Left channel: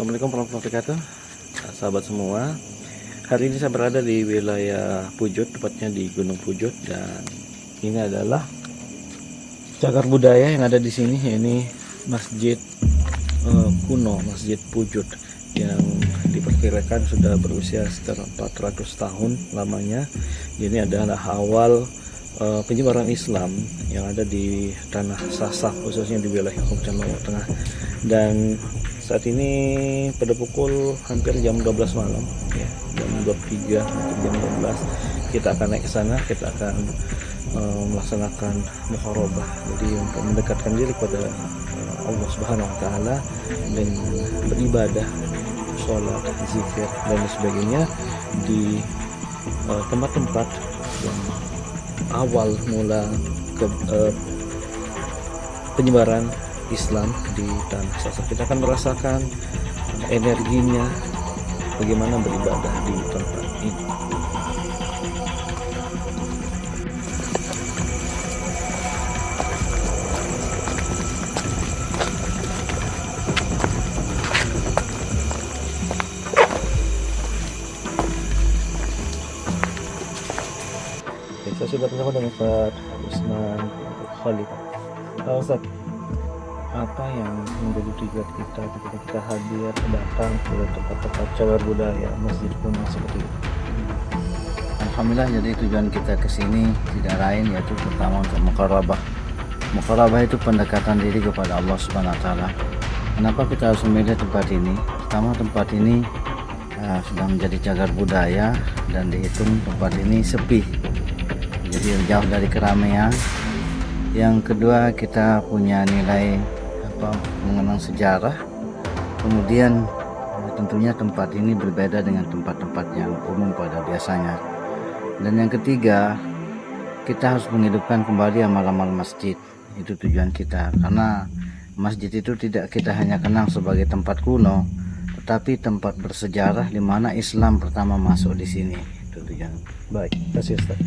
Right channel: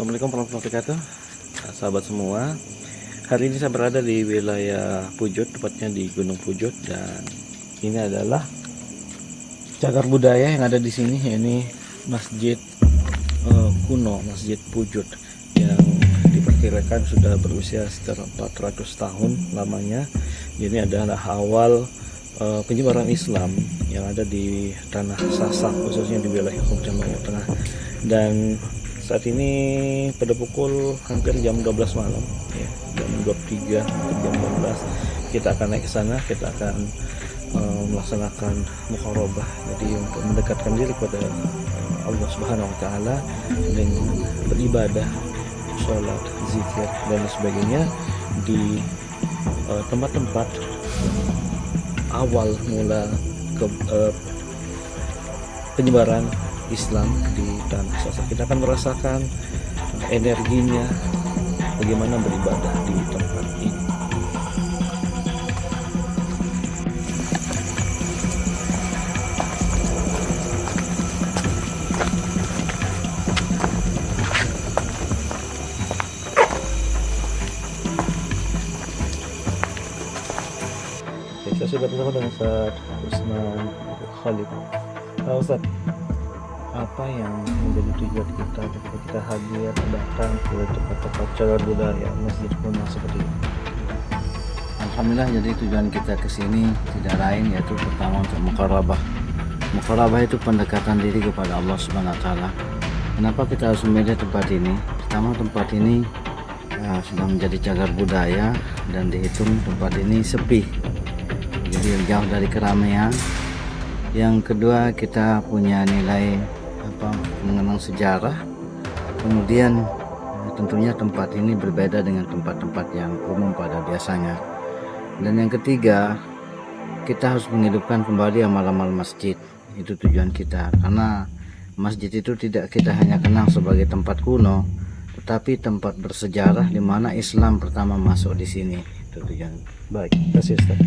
Assalamualaikum warahmatullahi wabarakatuh, sahabat semua. Hari ini saya berada di wilayah Pujut, tepatnya di Gunung Pujut, dan ini adalah cagar budaya yang ada di sini. Ini masjid kuno, Masjid Pujut, yang diperkirakan sudah berusia sekitar 400 tahun lamanya. Ini adalah awal penyebaran Islam yang ada di tanah Sasak, khususnya di wilayah Kabupaten Lombok Tengah. Dan saat ini pada pukul hampir jam 12 malam, ya, jam 23 jam 12, kita akan naik ke sana. Kita akan melaksanakan mukharabah, jadi untuk mendekatkan diri kepada Allah Subhanahu wa taala dengan beribadah, sholat, zikir dan sebagainya di tempat-tempat yang awal mula penyebaran Islam di tanah Sasak. Kita akan merasakan energinya bagaimana beribadah di tempat ini. Saya sudah bersama dengan Ustaz Usman Khalid. Ustaz, apa yang menjadi tujuan kita ketika kita hadir datang ke tempat-tempat cagar budaya masjid kuno seperti ini? Alhamdulillah, jadi tujuan kita ke sini tidak lain yaitu pertama untuk mukharabah. Mukharabah itu pendekatan diri kepada Allah Subhanahu wa taala. Kenapa kita harus memilih tempat ini? Pertama, tempat ini sudah menjadi cagar budaya dan dihitung tempat ini sepi. Jadi jauh dari keramaian. Yang kedua, kita punya nilai mengenang sejarah. Kemudian tentunya tempat ini berbeda dengan tempat-tempat yang umum pada biasanya. Dan yang ketiga, kita harus menghidupkan kembali amal-amal masjid. Itu tujuan kita, karena masjid itu tidak kita hanya kenang sebagai tempat kuno, tetapi tempat bersejarah di mana Islam pertama masuk di sini. Itu tujuan. Baik, terima kasih Ustaz.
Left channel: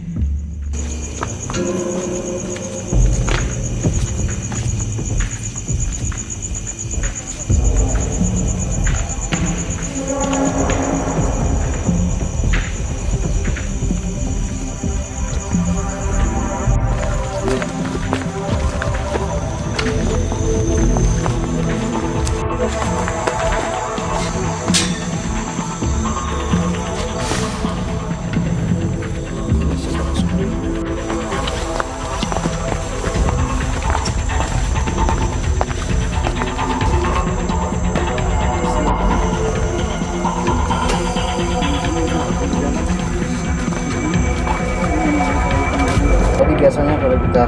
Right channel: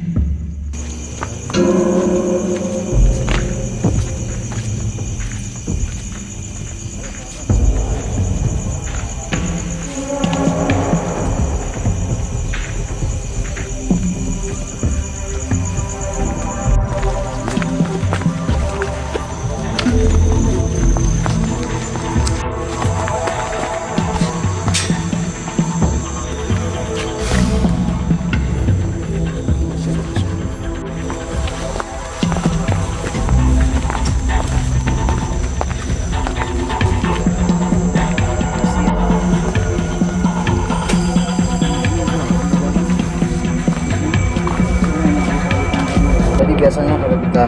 Jadi biasanya kalau kita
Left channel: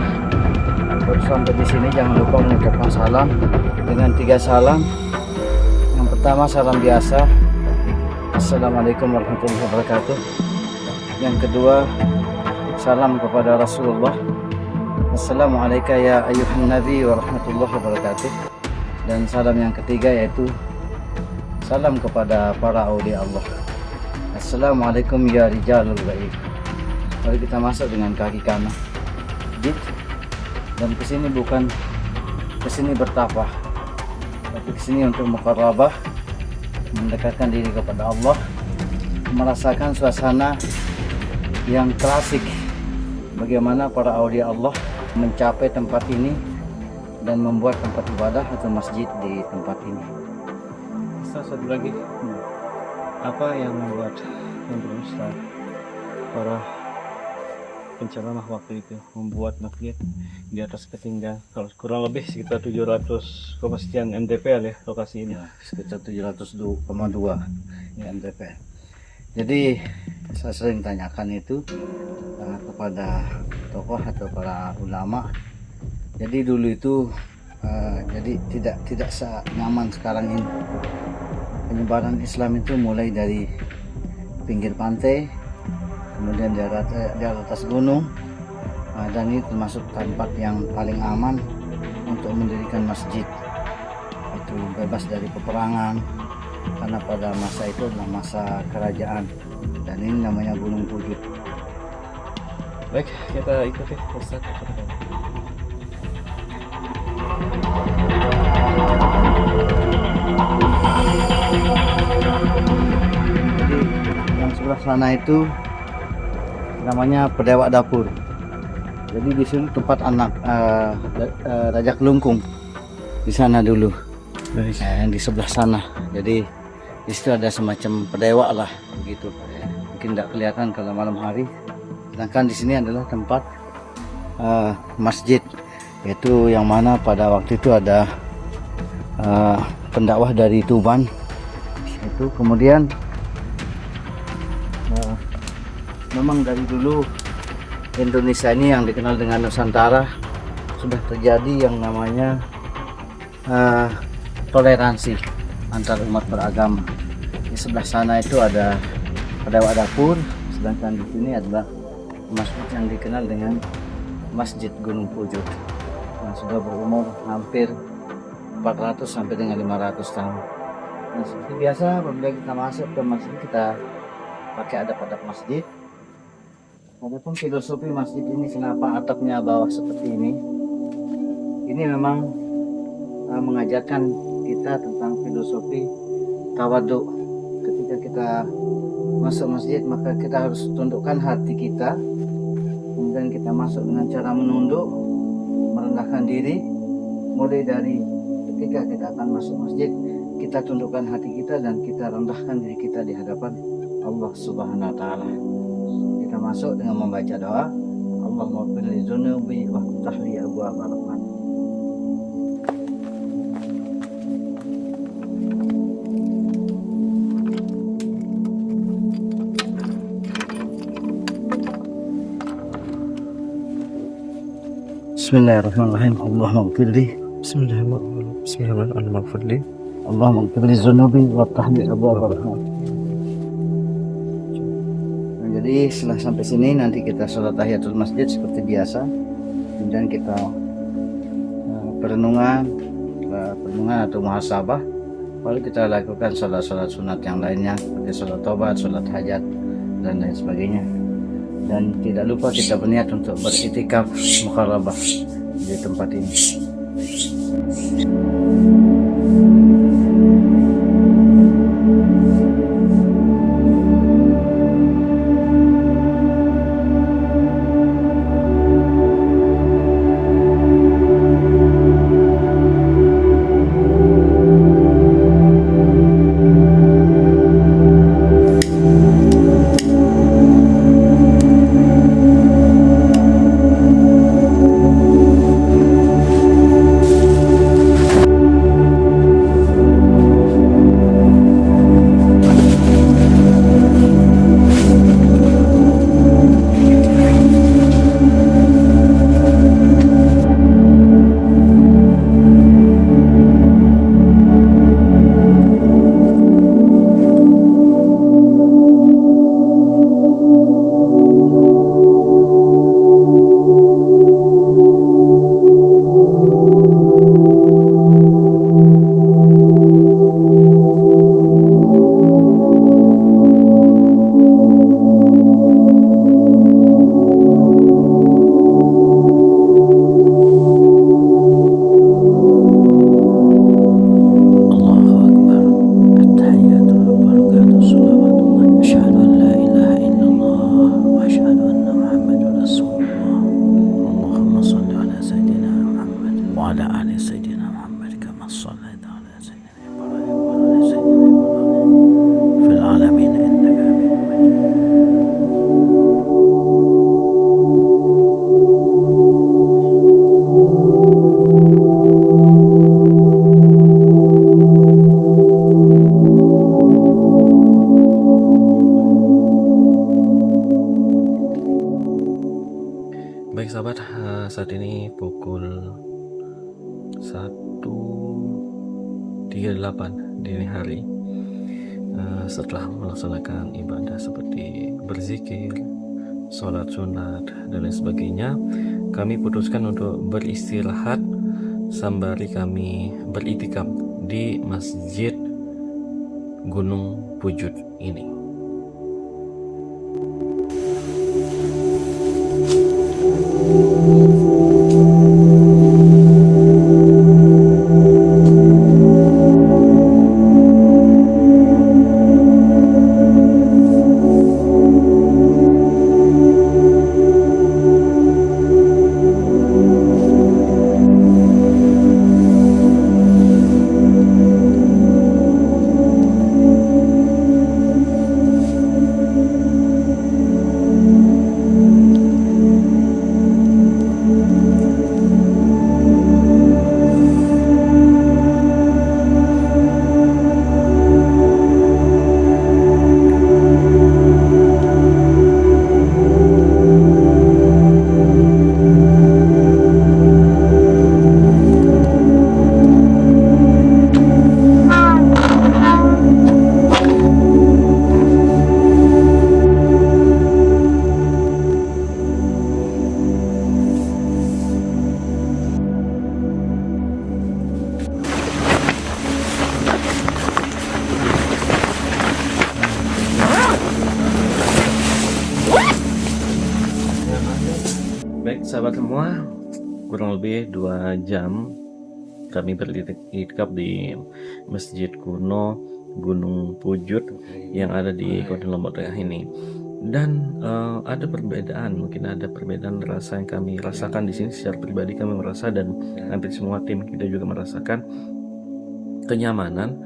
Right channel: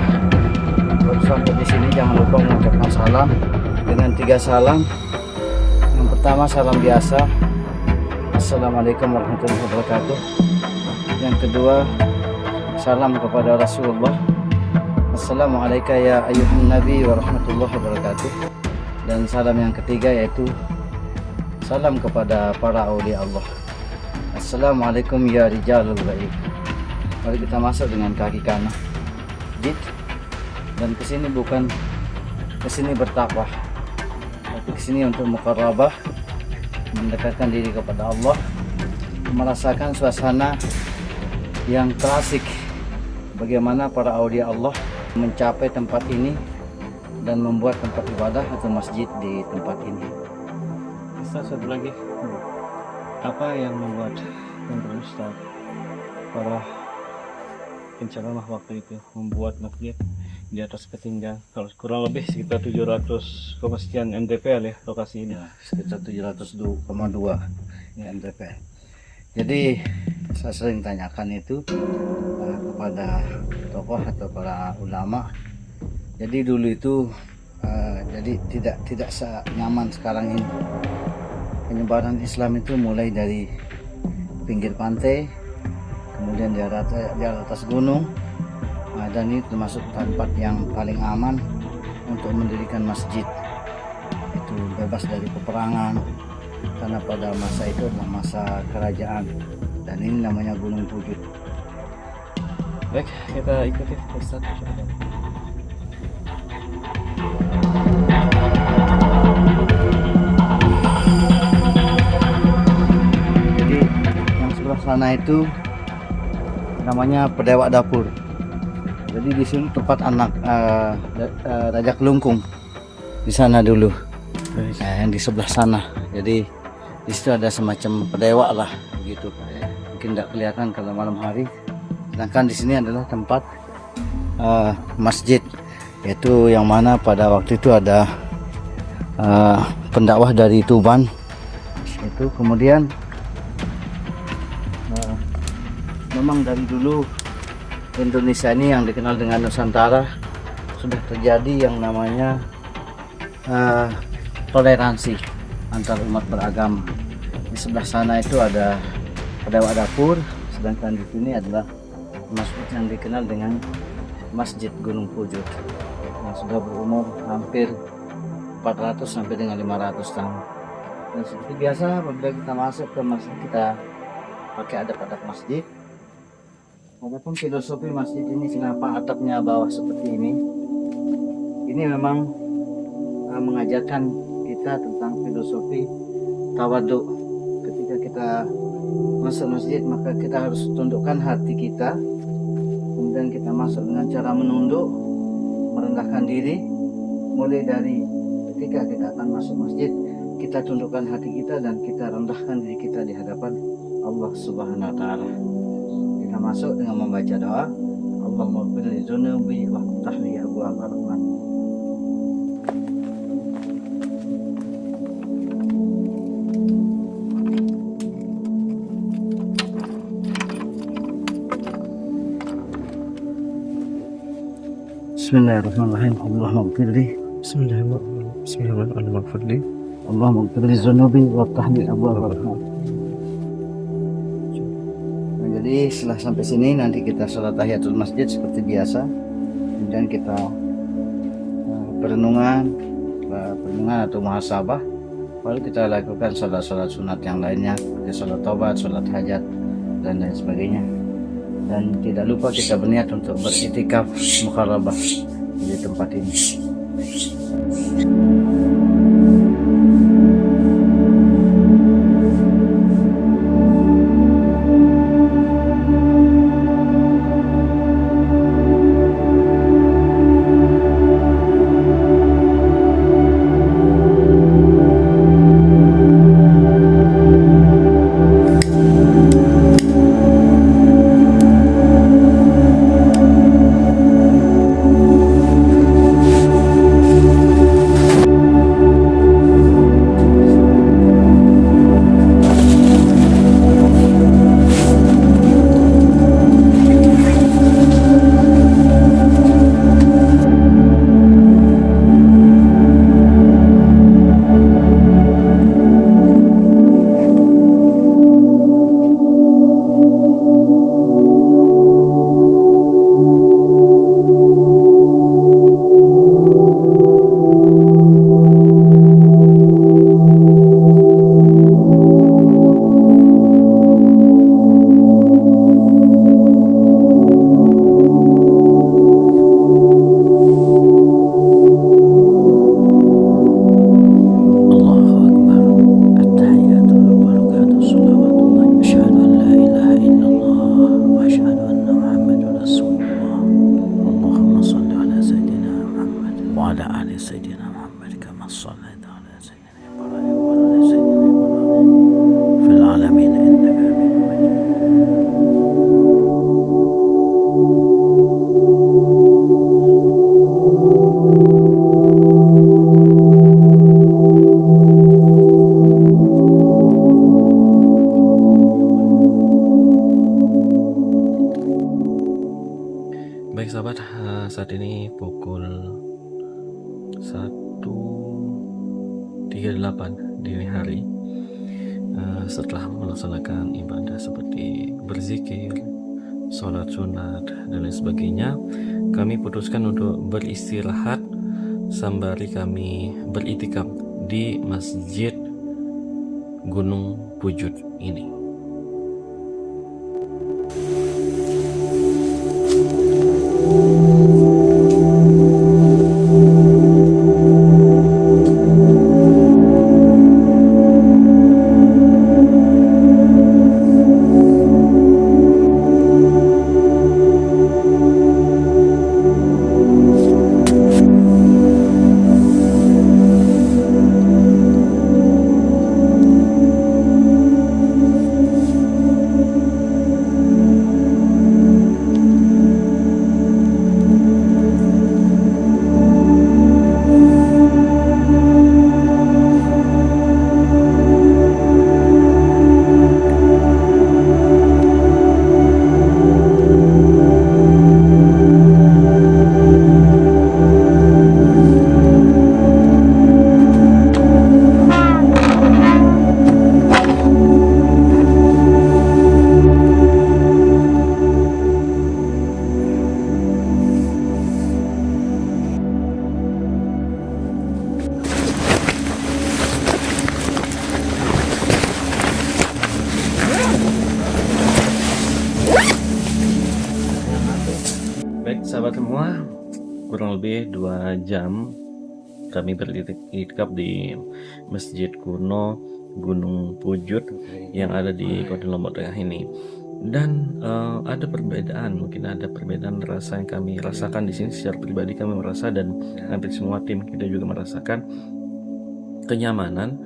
baru sampai di sini, jangan lupa mengucapkan salam dengan 3 salam. Yang pertama, salam biasa, Assalamualaikum warahmatullahi wabarakatuh. Yang kedua, salam kepada Rasulullah, Assalamualaikum ya ayuhan nabi warahmatullahi wabarakatuh. Dan salam yang ketiga yaitu salam kepada para aulia Allah, Assalamualaikum ya rijalul baik. Mari kita masuk dengan kaki kanan, dan kesini bukan kesini bertapa, tapi kesini untuk mukharabah, mendekatkan diri kepada Allah, merasakan suasana yang klasik, bagaimana para aulia Allah mencapai tempat ini dan membuat tempat ibadah atau masjid di tempat ini. Ustaz, satu lagi, apa yang membuat menurut Ustaz para penceramah waktu itu membuat masjid di atas ketinggian kalau kurang lebih sekitar 700 sekian mdpl ya lokasi ini? Ya, sekitar 702,2 ya, mdpl. Jadi saya sering tanyakan itu kepada tokoh atau para ulama. Jadi dulu itu jadi tidak senyaman sekarang ini. Penyebaran Islam itu mulai dari pinggir pantai, kemudian di atas gunung, dan ini termasuk tempat yang paling aman untuk mendirikan masjid. Itu bebas dari peperangan, karena pada masa itu adalah masa kerajaan, dan ini namanya Gunung Pujut. Baik, kita ikuti Ustaz. sana itu namanya Pedewak Dapur. Jadi di sini tempat anak Raja Kelungkung di sana dulu. Yang di sebelah sana. Jadi di situ ada semacam pedewak lah begitu. Mungkin tidak kelihatan kalau malam hari. Sedangkan di sini adalah tempat masjid, yaitu yang mana pada waktu itu ada pendakwah dari Tuban. Itu kemudian memang dari dulu Indonesia ini yang dikenal dengan Nusantara sudah terjadi yang namanya toleransi antar umat beragama. Di sebelah sana itu ada Pedewak Dapur, sedangkan di sini adalah masjid yang dikenal dengan Masjid Gunung Pujut yang sudah berumur hampir 400 sampai dengan 500 tahun. Dan seperti biasa apabila kita masuk ke masjid kita pakai adab-adab masjid. Walaupun filosofi masjid ini kenapa atapnya bawah seperti ini memang mengajarkan kita tentang filosofi tawaduk. Ketika kita masuk masjid maka kita harus tundukkan hati kita, kemudian kita masuk dengan cara menunduk, merendahkan diri. Mulai dari ketika kita akan masuk masjid, kita tundukkan hati kita dan kita rendahkan diri kita di hadapan Allah Subhanahu wa taala. Kita masuk dengan membaca doa, Allahumma ighfir li dzunubi wa ftah li abwaaba rahmat. Bismillahirrahmanirrahim. Allahumma ighfir li Bismillahirrahmanirrahim. Allahumma ighfir li dzunubi wa ftah li abwaaba rahmat. Jadi setelah sampai sini nanti kita sholat tahiyatul masjid seperti biasa, kemudian kita perenungan atau muhasabah, lalu kita lakukan sholat sunat yang lainnya seperti sholat taubat, sholat hajat dan lain sebagainya. Dan tidak lupa kita berniat untuk beriktikaf muqarrabah di tempat ini. وعلى آل سيدنا محمد كما صليت على سيدنا إبراهيم وعلى آل سيدنا إبراهيم في العالمين إنك حميد Baik sahabat, saat ini pukul 1.38 dini hari. Setelah melaksanakan ibadah seperti berzikir, sholat sunat dan lain sebagainya, kami putuskan untuk beristirahat sembari kami beriktikaf di Masjid Gunung Pujut ini. sahabat semua, kurang lebih 2 jam kami beritikaf di Masjid Kuno Gunung Pujut yang ada di Kota Lombok Tengah ini. Dan ada perbedaan, mungkin ada perbedaan rasa yang kami rasakan di sini. Secara pribadi kami merasa, dan hampir semua tim kita juga merasakan kenyamanan,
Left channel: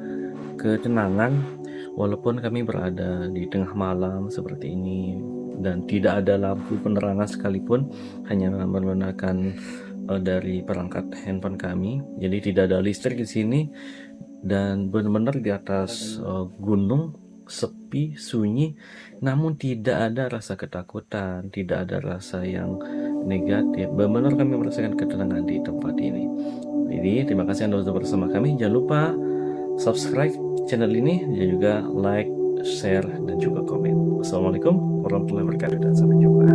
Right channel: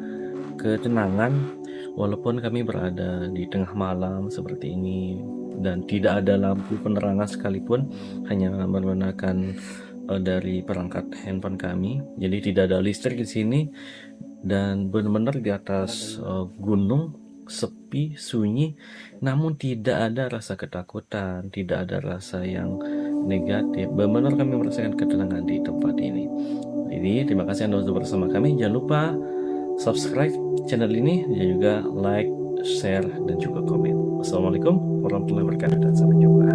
ketenangan, walaupun kami berada di tengah malam seperti ini dan tidak ada lampu penerangan sekalipun, hanya menggunakan dari perangkat handphone kami. Jadi tidak ada listrik di sini, dan benar-benar di atas gunung, sepi, sunyi, namun tidak ada rasa ketakutan, tidak ada rasa yang negatif. Benar-benar kami merasakan ketenangan di tempat ini. Jadi terima kasih Anda sudah bersama kami. Jangan lupa subscribe channel ini, dan juga like, share, dan juga komen. Wassalamualaikum warahmatullahi wabarakatuh, dan sampai jumpa.